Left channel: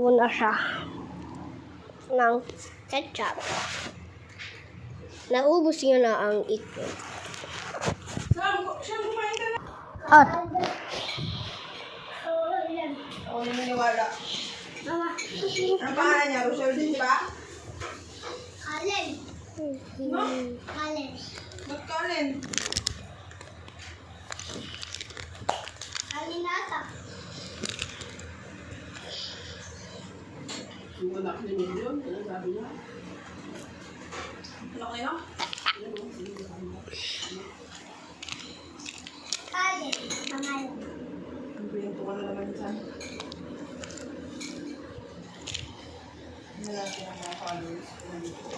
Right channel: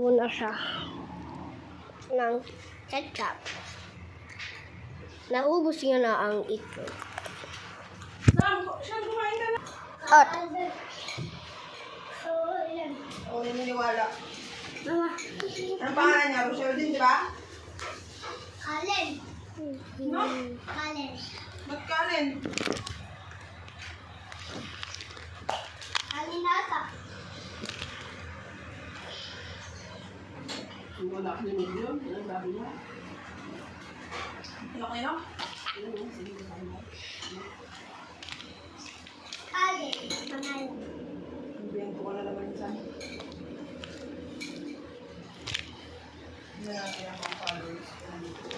muna siya ng ketchup. Naubos niya na ang itlog. At Oo, naniniwala. Ang pangalan niya, Rochelle din, di ba? Kalen. No? Kalen. Ba't Kalen? Kalen nata. Yung anak niya yun, sinasabi niya. Ano kayo? Kalen. Manalo. Ang bento ko na naman dyan. Ano lang kaya mga followers ko nandito.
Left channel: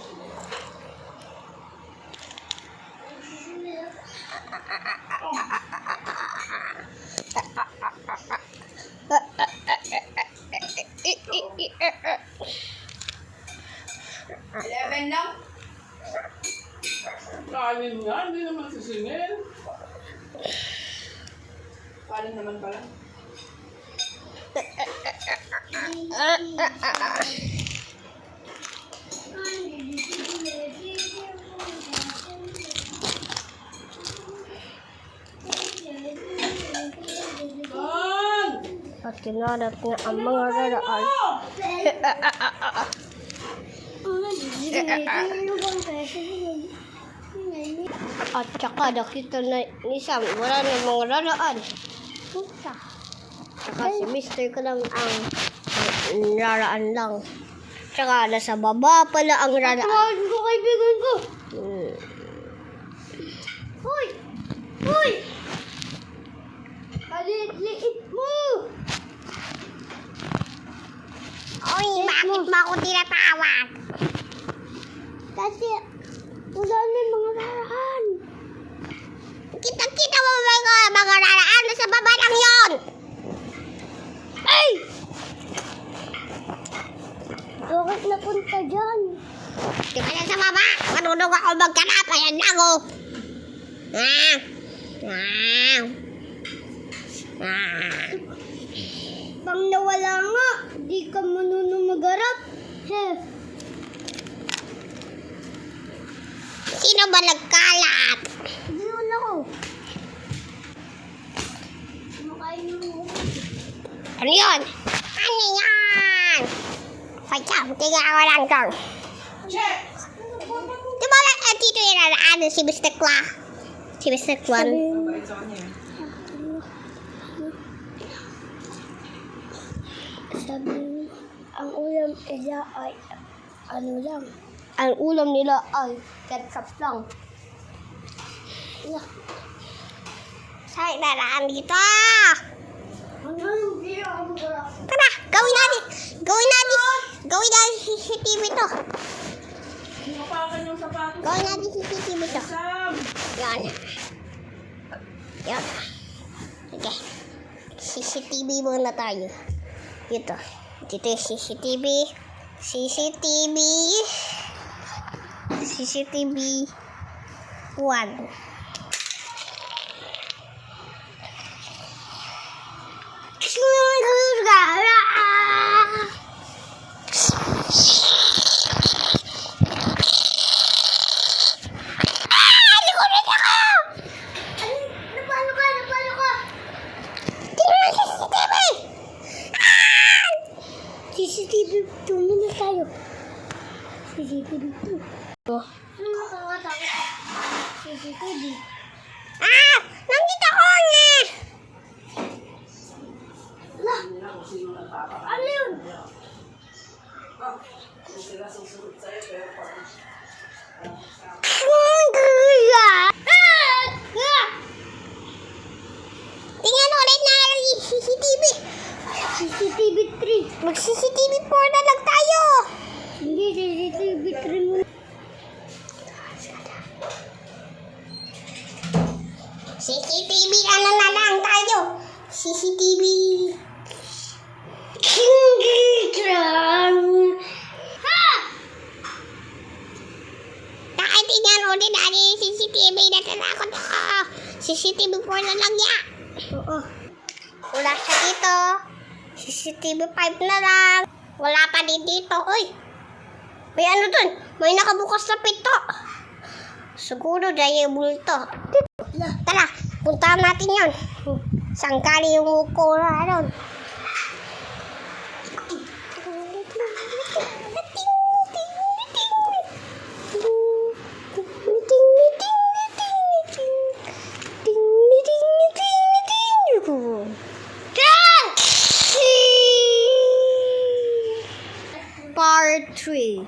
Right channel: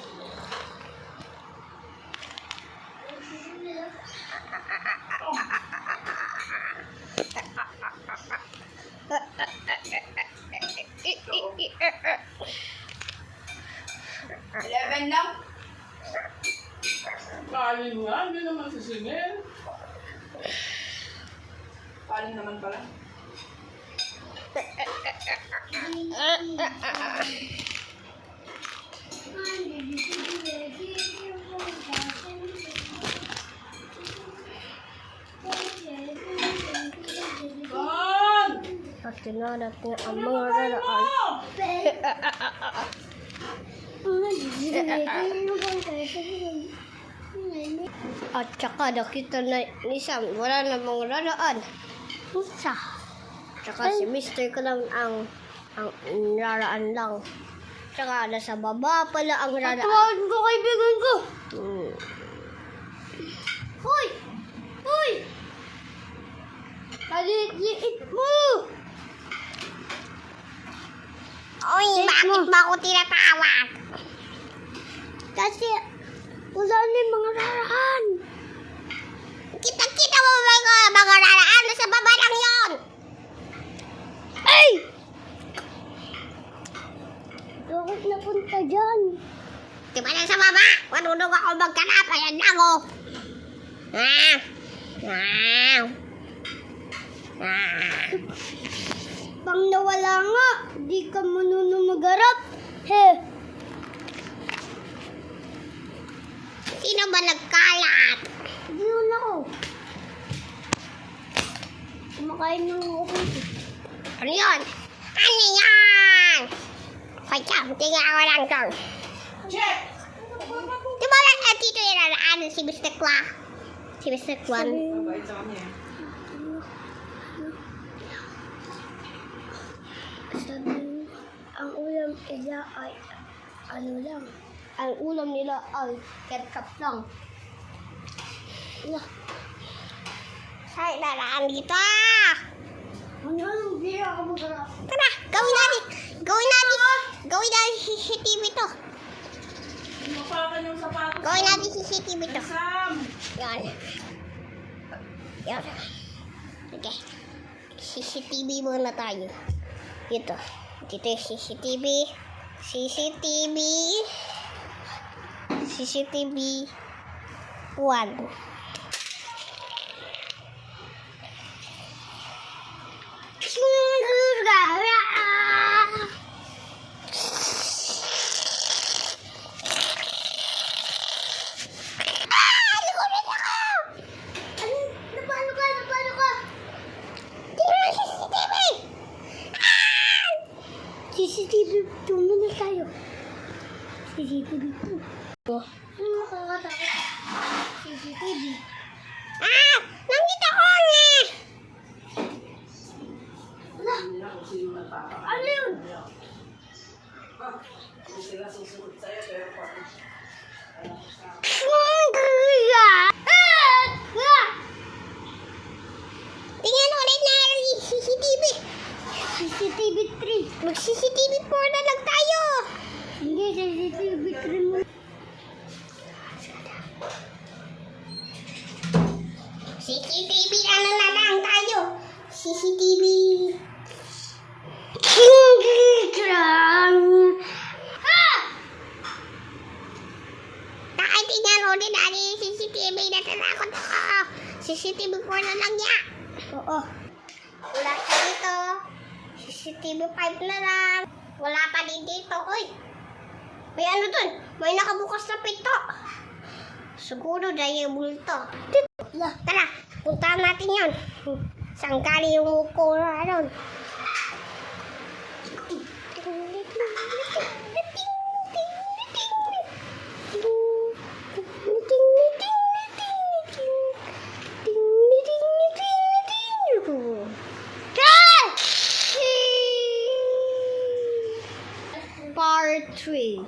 Eleven lang? Kaling nga, hindi naman sisingin. Kaling naman pala. at kinalat niya ang mga raraan. At saka nakita na ni Sam, wala na mga raraan. Tsaka si Mr. ko lang ang raraan lang. Tsaka nasa baba pala ang raraan. Tawagin ko kaibigan ko. Hoy! Hoy! Palit-liit mo! Oy, bakit mo ako tinatawag? Kasi wala na yung mga raraan. Kita-kita mo ba yung mga raraan? Nasa baba lang yun! Ay! Bakit napunta dyan? Di ba nasa baba? Manunong ako magkanap. Ayan lang oh. Pang nawala nga, di ka marunong magharap. He, Sino ba nagkalat? yun ako. Kumakain mo ako. Ano yun? Ano yan? Pagka, tingnan ako lang kang. Check! Di ba lang dito yung raraan si Mr. Kwa? Si Mr. Kwan. Mabait sa kanya. Sabi, ang ulam nila ay ano lang. Ang ulam nila ay ketchup lang. Saan raraan dito? Ano, hindi ako magharap. Tara, gawin natin. Gawin natin CCTV to. Mapakan yung sapatos. Gawin natin CCTV to. Sam! Yan. Yan. Okay. CCTV muna tayo. Dito. Dito yung CCTV. CCTV 1. Napalo ka! CCTV 2 muna tayo. CCTV 2. Ano nakakatakot? CCTV. Nandito ko nga. Ano yun? Kung sila susunod sa'yo, pero parang... Tingnan ulit na CCTV. CCTV 3. Mag-CCTV 4 na lang tayo. Hindi, CCTV 3 muna. CCTV ano na lang tayo. CCTV. Tingnan ulit natin yung CCTV. Natanakot ako. CCTV 4 na lang yan. Oo. Wala siya dito. CCTV 5 na lang. Wala pa din dito, uy. May ano dun? May nakabukas na pinto. Siguro dahil yung multo. Tara, puntahan natin yun. Saan galing yung mukura ron? Part 3.